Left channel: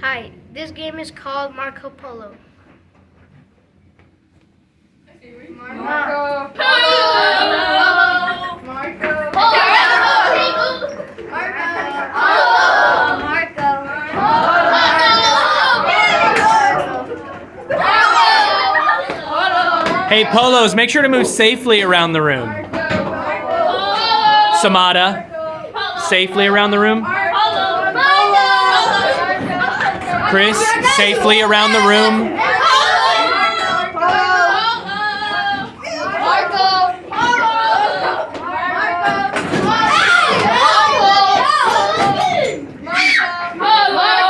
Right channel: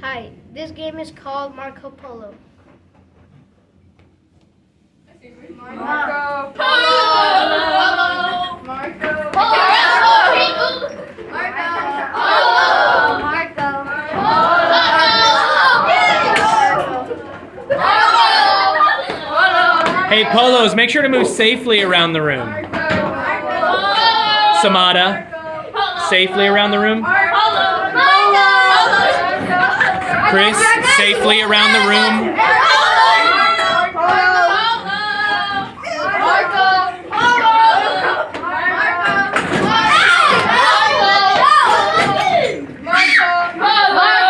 Hi, this game is called Marco Polo. Marco Polo. Marco Polo. Hey, Polos, make sure to move safely around the room. Samada, safely around the room. Chris, safely around the room.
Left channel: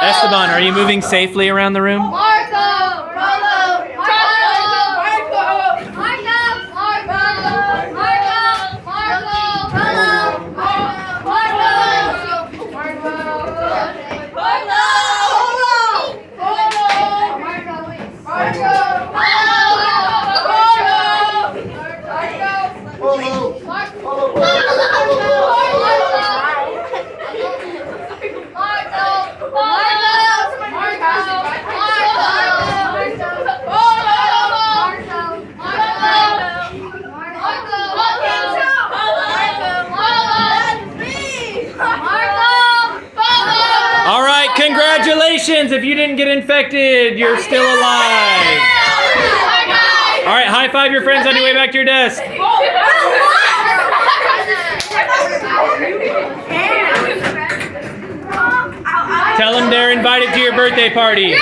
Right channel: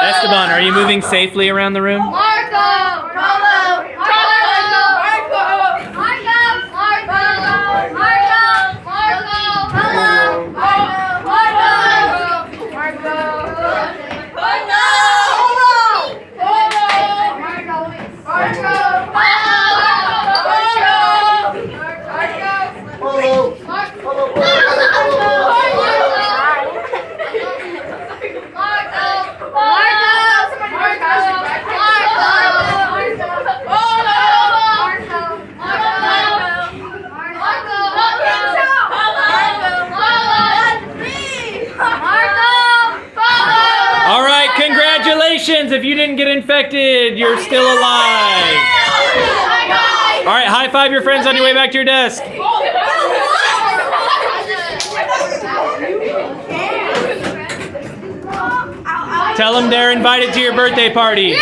Esteban, are you moving safely around the room? All right, congratulations. If you didn't get infected, you're still alive. All right, high five your friends on your way back to your desk. Tell them they're invited to your birthday party.